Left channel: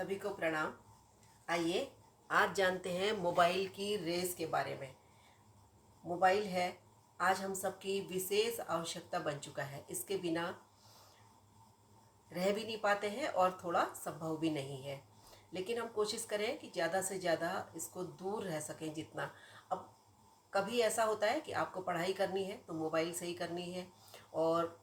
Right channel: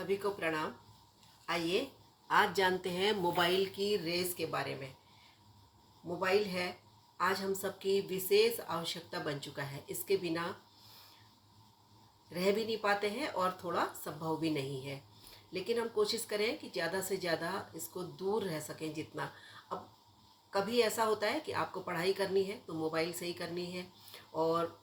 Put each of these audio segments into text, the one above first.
सभी को प्रणाम। आइए आज जानते हैं मोबाइल की रेस के बारे में। मोबाइल है आज हम सबकी विशेष आवश्यकता बन चुका है। इसके बिना रह भी नहीं पाते हैं और थोड़ा संभव भी नहीं है। लेकिन हम कोशिश करें कि ज़्यादा से ज़्यादा इसको दूर रह सकें जितना। अब कभी ऐसा होता है कि आपको पढ़ाई करनी है तो मोबाइल से ही करनी है, और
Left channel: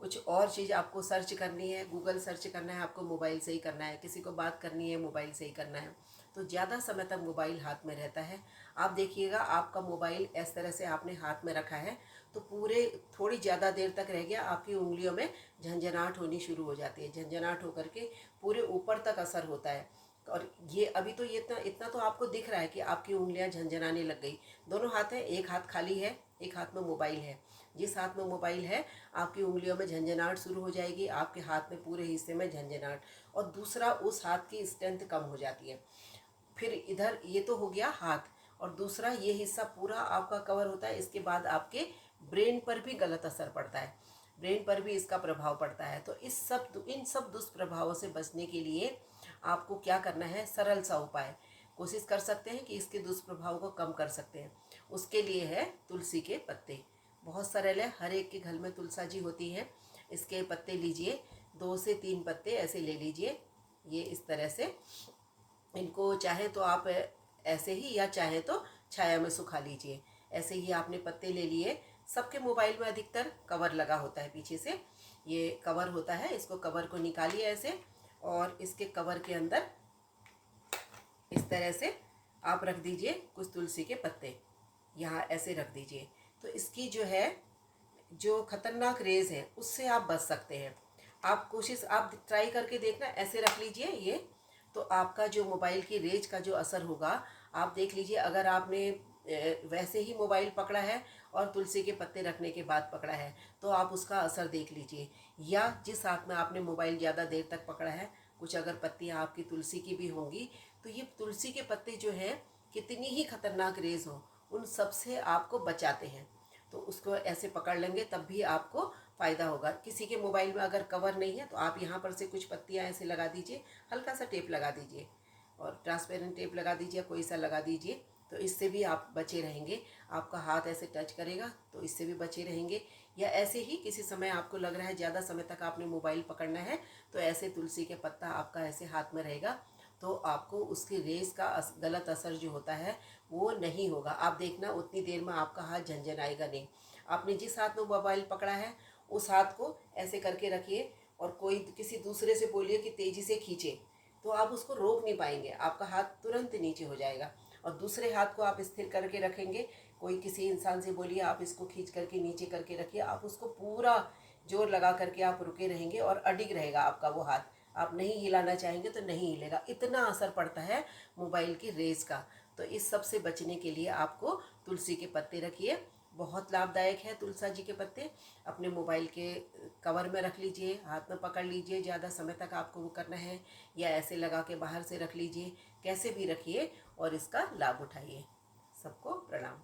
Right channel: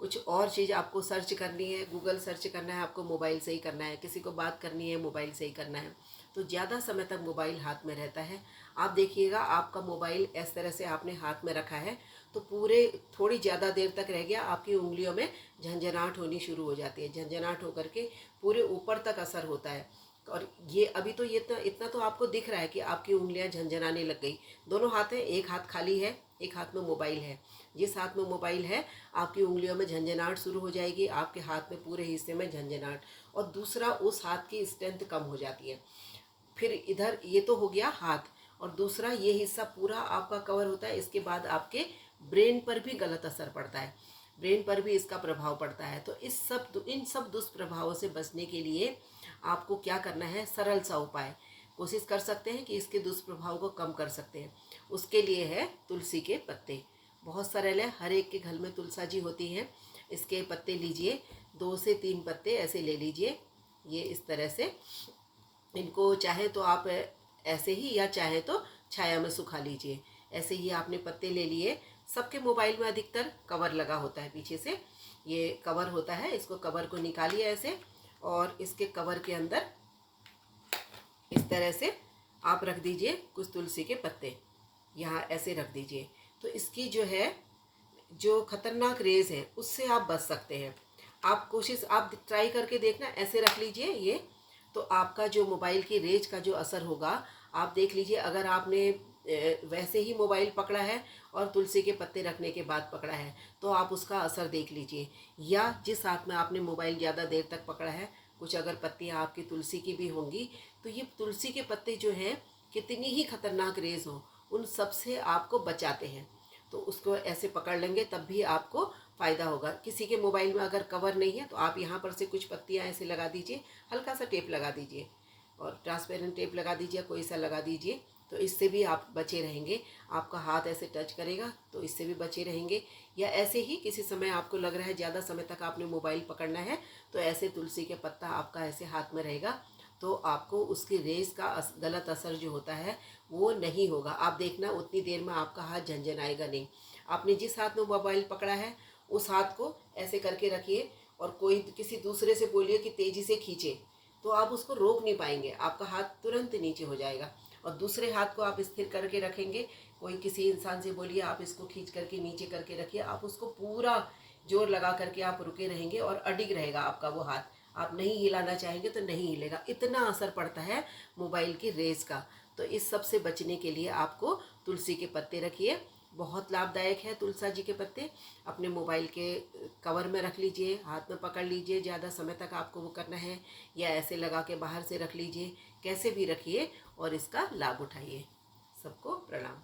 कुछ और चीज़ आपको सर्च करनी है, गूगल सर्च करना है, आपको मोबाइल से ही करना है, किसी को बात करनी है मोबाइल से ही करना है। तो ज़्यादा समय तक मोबाइल हाथ में रहता है। आप देखिएगा आपका मोबाइल इस तरह से आपने हाथ में रखा है तो पूरे थोड़ी ज़्यादा देर तक रह गया, आपकी उंगलियों में झंझनाहट होनी शुरू हो जाती है। झंझनाहट होकर के पूरे ऊपर तक असर होता है। और ये अभी तो ये इतना इतना तो आपको दिख रहा है कि आपकी उंगलियां झंझनाने लग गई। दोनों हाथ हैं, एक हाथ खाली है, एक हाथ में मोबाइल है। जिस हाथ में मोबाइल है आपकी उंगलियों में झंझनाहट शुरू हो जाएगी, आपके हाथ में पूरे हिस्से में झंझनाहट, और दूसरा उस हाथ की स्ट्रेंथ कम हो जाती है। फिर इधर ये तो हो गया हाथ, और दूसरा ये हिस्सा पूरा आपका कवर होता है। इसके बाद आपके ब्रेन पर भी गलत असर पड़ता है, ब्रेन पर भी इसका प्रभाव पड़ता है। तो इन सब दुष्प्रभावों से बचने के लिए आपको क्या करना है, सरल सा उपाय कोशिश कर सकते हैं कि इसके दुष्प्रभाव को कम कर सकते हैं। उसके लिए है तुलसी के पत्ते। बहुत सरल है, हर एक के घर में तुलसा जी होती है। इसके पत्ते लीजिए, 2 से 3 पत्ते ऐसे ले लीजिए, ये इस तरह से। इनको चाहे तो आप ऐसे ही, या चाहे तो छाया में सुखा लीजिए। ऐसे ही आपने पत्ते ले लिए। सबके मोबाइल में अधिकतर कवर लगा होता है, पीछे से ये कवर होता है। इसको कवर को निकालिए ऐसे, और इसके कवर के अंदर इस तरह से आप रख दीजिए कुछ तुलसी के पत्ते, यहाँ ऐसे रख दीजिए। तो इसकी जो खतरनाक रेज है उससे आप बच सकते हैं। आप ट्राई करके देखना, ऐसे रख लीजिए ये। तो आपका जो मोबाइल की रेज का जो असर होगा, आप देख लीजिए। अगर आपने वैसे ही मोबाइल पकड़ा है और तुलसी के पत्ते रखने के बाद पकड़ा है तो आप उसका असर देख लीजिए। या जिस हाथ में आपने मोबाइल ज़्यादा देर तक पकड़ा है, कुछ अगर पत्तियाँ आपकी तुलसी की भी होंगी, तो ये तुलसी के पत्ते जो हैं, कितनी ही खतरनाक रेज हो, उन सब से आपको बचाते हैं। तो उसको ऐसे पकड़ लेंगे तब भी आपको फ़ायदा होगा। किसी के मोबाइल में अगर कवर नहीं है तो आप यहाँ पर से कुछ पत्तियाँ ऐसे लगा दीजिए, हल्का सा टेप लगा दीजिए, और ट्रांसपेरेंट टेप लगा दीजिए, कोई सा लगा दीजिए। तो इससे भी आप बचे रहेंगे। आपका हाथ ऐसे टच करेगा तो इससे भी बचे रहेंगे। या ऐसे ही किसी समय आपको लग रहा है ज़्यादा समय तक आपने मोबाइल पकड़ना है, तो ऐसे तुलसी के पत्ता आपका ऐसे हाथ में रहेगा, तो आपको उसकी रेस का गलत असर जो होता है वो नहीं होगा। आप देखना उतनी देर में आपका हाथ झंझनाएगा नहीं। आपने जिस हाथ में मोबाइल पकड़ा है उस हाथ को ऐसे करके रखिए, और कोई किसी दूसरे से बोलिए कि तेज़ी से खींचे, तो आप उसको रोक नहीं पाएंगे, आपका हाथ तुरंत नीचे हो जाएगा। और दूसरे हाथ को आप स्थिर करके रखेंगे। कोई किसी इंसान से बोलिए आप इसको खींच करके नीचे करके रखिए, आप उसको पूरा जोर लगा करके आप रुके रहेंगे और अडिग रहेगा आपका वो हाथ। आप नहीं हिलाना चाहेंगे तो नहीं हिलेगा, इतना असर पड़ता है मोबाइल की रेस का। तो इस सब से बचने के लिए आपको तुलसी के पत्ते रखिए, बहुत लाभदायक है तुलसा जी के पत्ते। अपने मोबाइल के कवर में रख लीजिए, हाथ में पकड़ लीजिए, ज़्यादा समय तक आपको वो करना है, या ऐसे लगा के बाहर से रख लीजिए, कैसे भी रखिए और इसका लाभ उठाइए। सबको प्रणाम।